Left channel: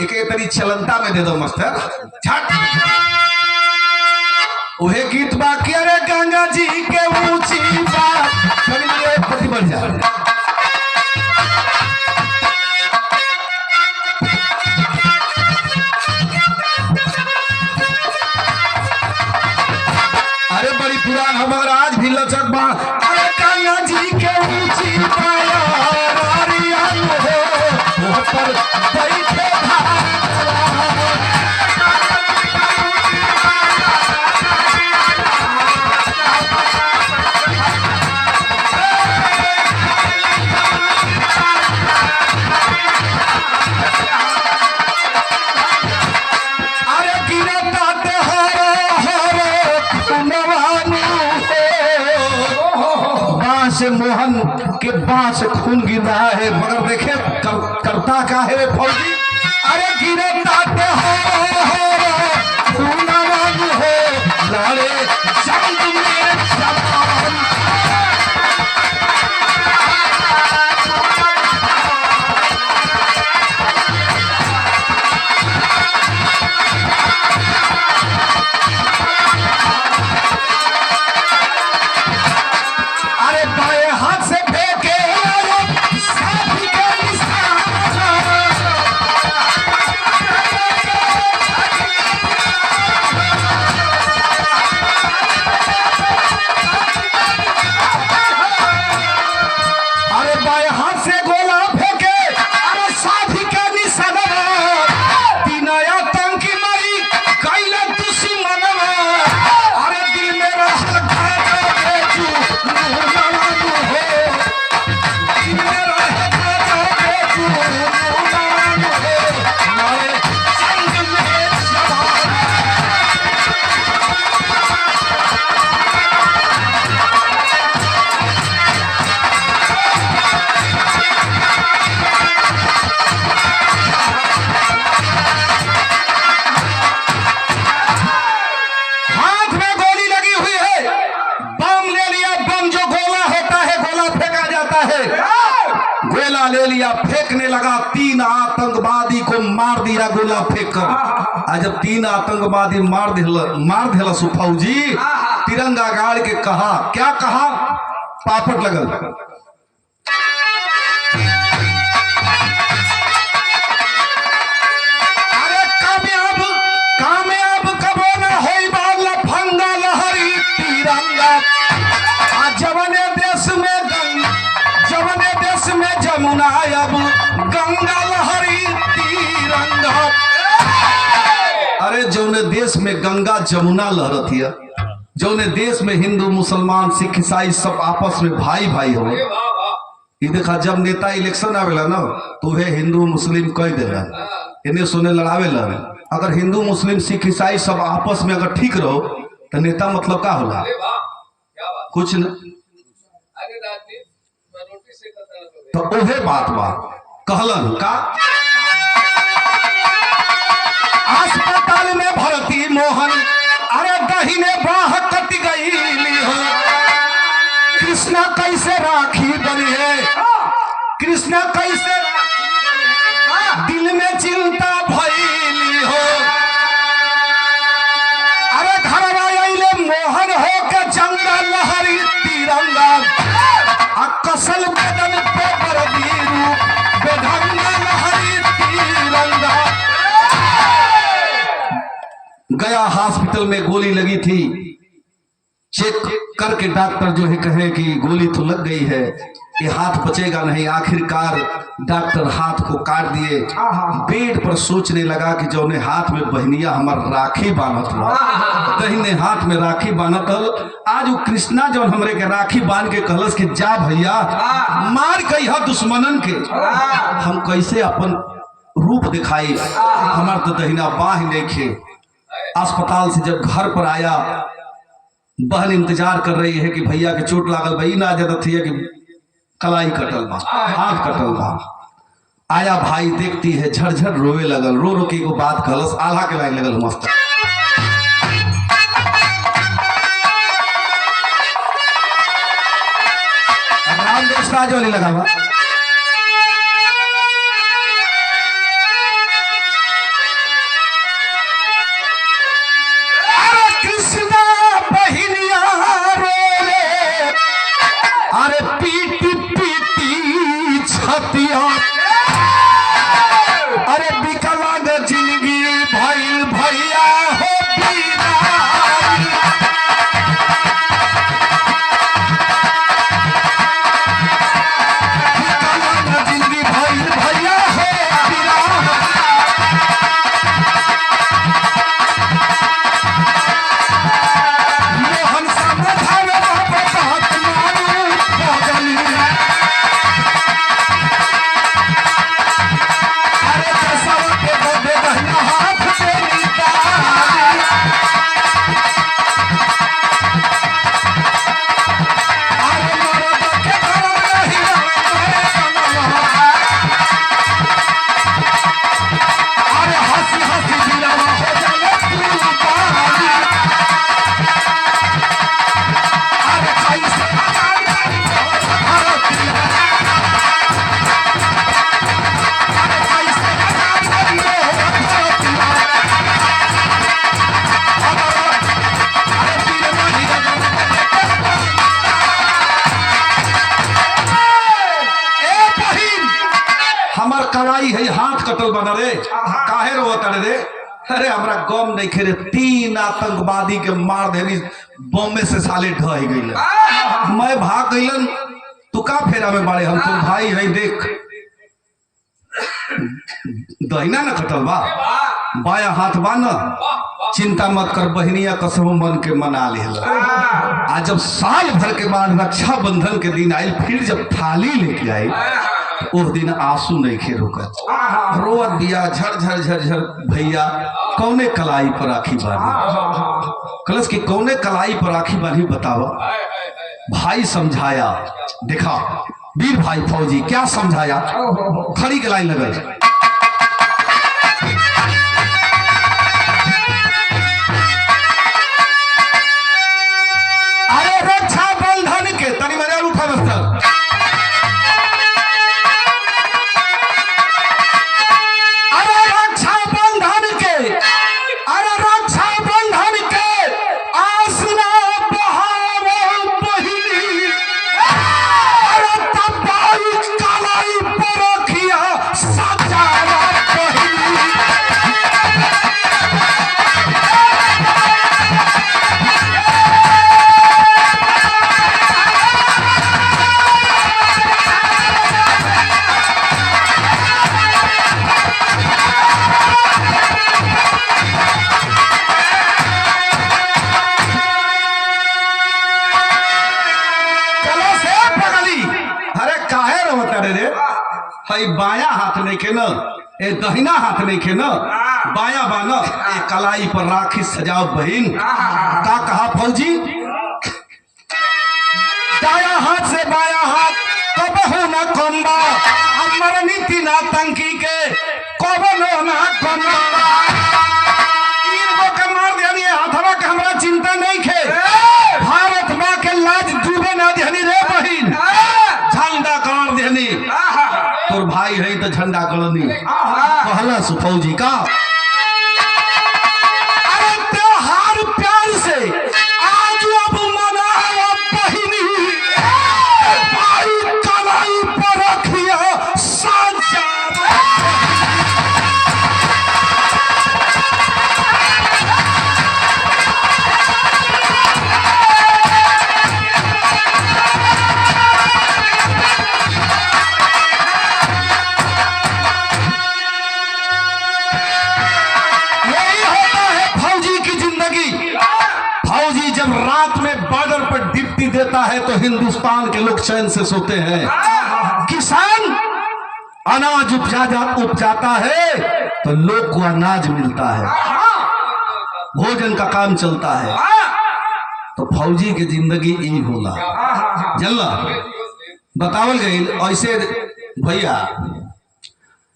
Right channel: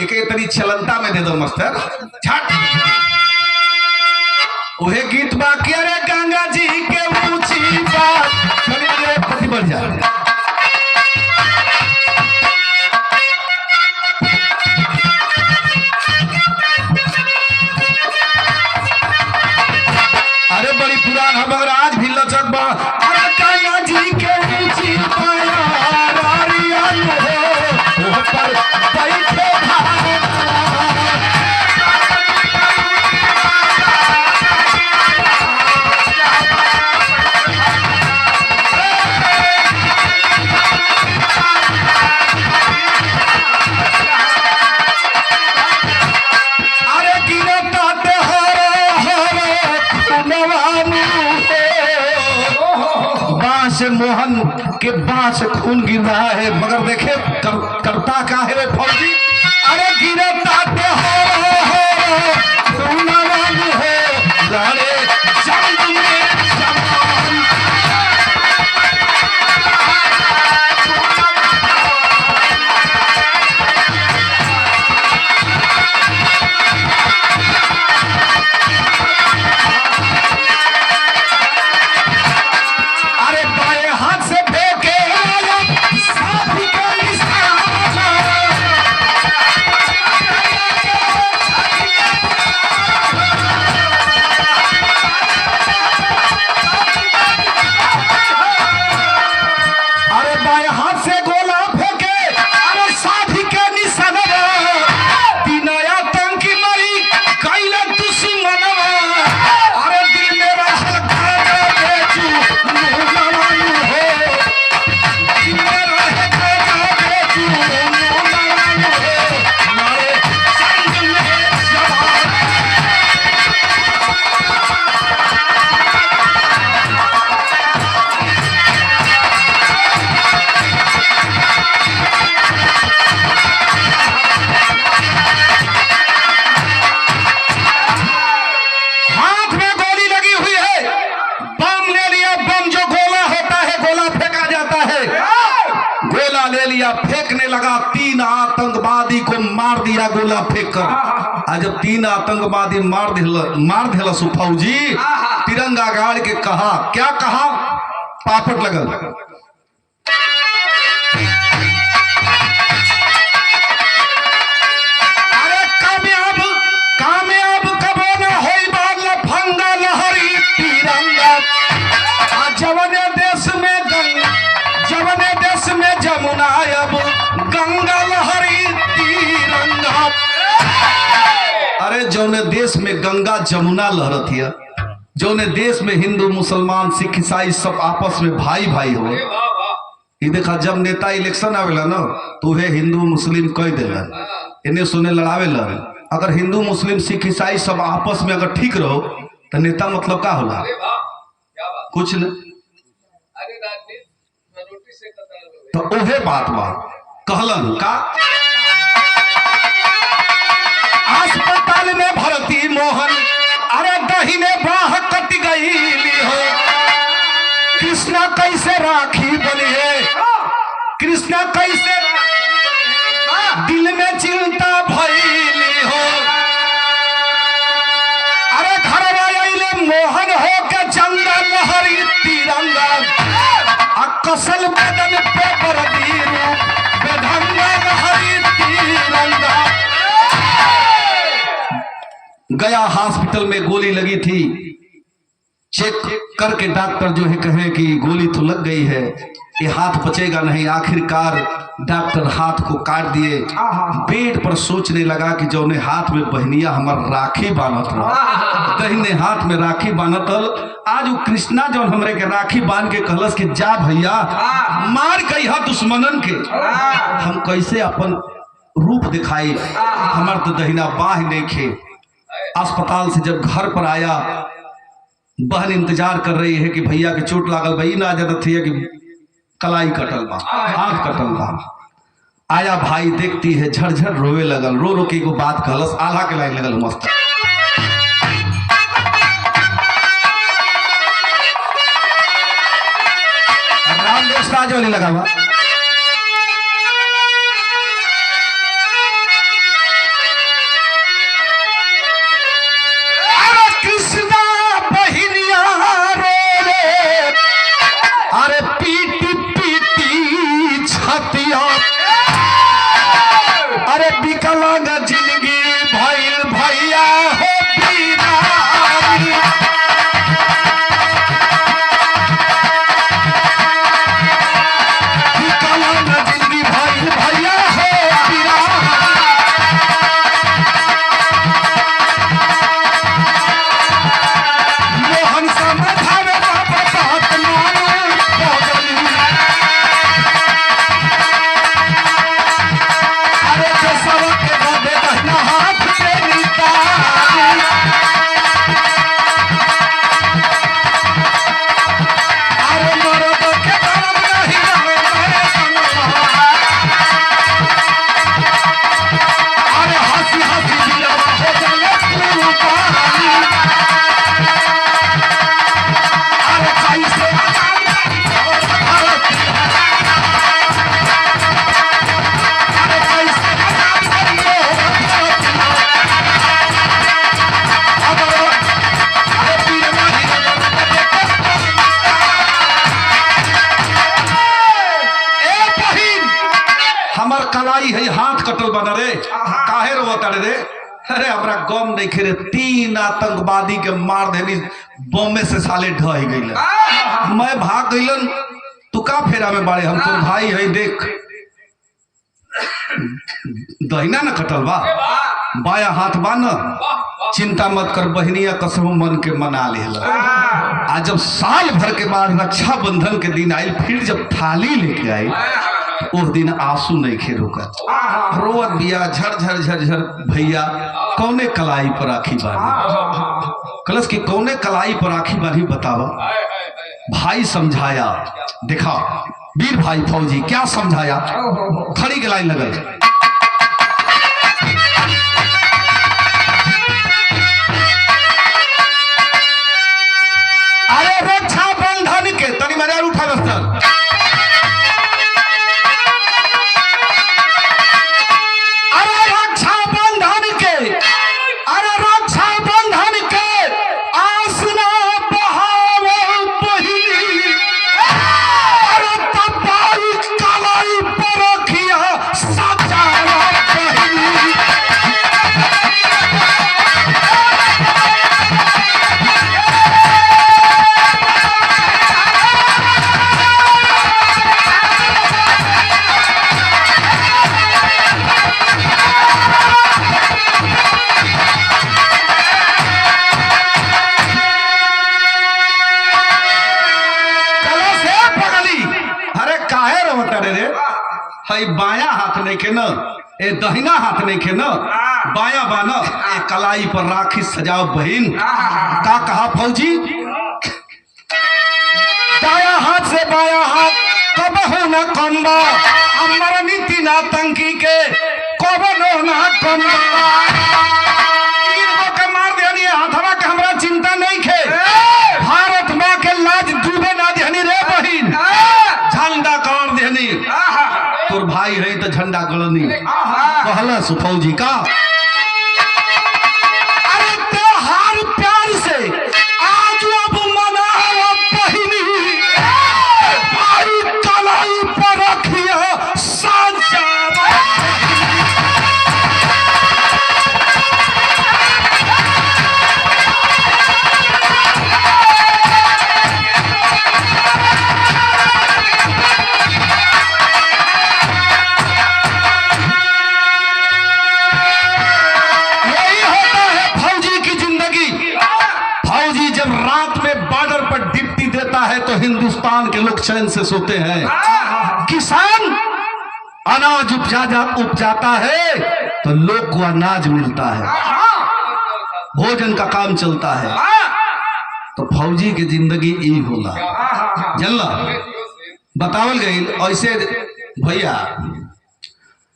एक तरी चलंता में दे दो मास्टर झट। उहे गीत बाकी अरे गंगा जी के ऊंची बात थोड़ी बढ़ जा। अरे बड़ी पुरान है मगर आज भी लचक बा। अरे गंगा जी के ऊंची पाया नारिया हो पर बैठे से मोहन के बांस खून गिर रहा है मगर देखे करता क्या है वे फौजी। अरे गिरे ताते हो खूनवान हो लाड़े जंग में जवान। गोला ले लिया फेंकने लगा। 3 आतंकवादी को मार दिया गोला फेंक कर। आज जब 3 आतंकवादी मार दिला फौजी तिरंगा गाड़ के कहा क्या कहा पापट लगल। जौने देश में गंगा जमुना लहरत है, जौने देश में हिंदू मुसलमान सिख ईसाई सब आपस में भाई भाई हो। ये देखा जब नेता इलेक्शन आवेला ना तो वे हिंदू मुस्लिम कह देला इन्हें सुने लड़ावे लड़। अगर हिंदू मुस्लिम सिख ईसाई सब आपस में अगर ठीक रहो तो नेता मतलब का होला कुछ न। तो उहे बात कहलन का अस्पताल में भर्ती मोहन अरे दहीने बाह कट गई हो। कृष्णा कैसे राखी बनी है, कृष्णा कैसे दिल में चिंता भइली हो। अरे घर आइले मोहन हो के जंगा लहरी तिरंगा कसल बदन पे बरदी बेढंगा लहरी तिरंगा। गया हॉस्पिटल में गोली लगी थी, चेक करके डॉक्टर जो है कहे कि गोली तो लग गई है, ये हाथ बचेगा नहीं। आखिरकार डॉक्टर हाथ को काट दिए। बेड पर सोचने लगा कि जो ने हाथ में बहनिया हमार राखी बांधत रहा, दहिने हाथ में राखी बांधतल। आज वो कृष्णा जो हमरे के राखी बांध के कहलस कि जा भैया मार गई है दुश्मनन के, हम कैसे अपन रूप दिखाई, हमार तो दहिना बाह नहीं खे। अस्पताल से जब घर पर आया बहन इंतजार कर रही है कि भैया के चोट लागल भाई ना जरूरत है कि कलाई कटल बा हाथ कटल बा। आया भाई देखती है झरझर रोवे लगल, रो रो के एगो बात कहलस, आल्हा के लाइन लगल मस्त। रामदेश राजौली लगा हुआ हमार कलाई है हाथ कटल बना रे काहे रो तड़े रे अरे हमरा गम नहीं खेरे 3 आतंकवादी के मार देनी बम से साले ढह गइल मैं भाग गइलन तू का फेरा में बाड़े हम तोर भाई है देख दहिना न कटल बा बाया हाथ बाना चिंता मत कर बहनिया कसम मन के मना लेला आज जब साल भर के बाद रक्षाबंधन के दिन आई फिर जब थाली लेके आई उस दिन आंसू नहीं खे रुका रोवत दिया झर झर झर भैया कौने कलाई पर राखी बांधी कलश की कौने कलाई पर राखी बांधी बतावा भाई समझाया देखा वीर भाई फौजी क्या समझाया खड़ी के लाइन लगे अरे रक्षाबंधन के तनी मेरे उठा बस्तर बाया हाथ नहीं के न ए दहिना हाथ नहीं के न बाया बाना ए कलाई पर राखी सजाओ बहन का कहा फौजी दाया हाथ से बाया हाथ कब हो न कम्बा हमारा नीति ना तंकी के कब हो न कम्बा तीर को कमार देनी हाथवा के हमरा चिंता नहीं खे भारत मां के लाज डूबे ना देनी रे बहन झंडा गाड़ देनी तोर भाई है तो झंडा गलनी कहला फौजी का अरे त्योहार प्यार से आज अब मनाओ बहिनी भाई कलाई पर रखियो सांचा देता है तो हिंदुस्तान के लोग चैन से सोते हैं किसान अनाज उपजाता है तो लोग को अनाज मिलता है भोजन का काम चलता है तो फौजी की जिंदगी यही होला जल्ला बतावल गई ऐसे भैया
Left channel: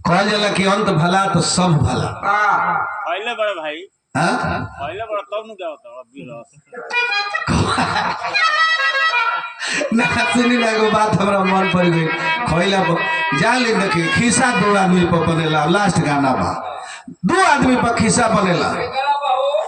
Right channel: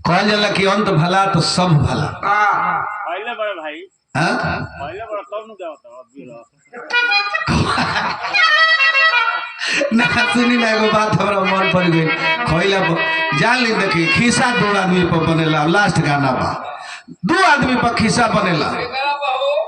कहल जाला कि अंत भला तो सब भला पहले बड़े भाई पहले बड़ा तब न ना सुनी ना एगो बात हमरा मन पड़ गई खइला जान ले देखी खिस्सा 2 आदमी पर बनेला लास्ट गाना बा 2 आदमी पर खिस्सा बनेला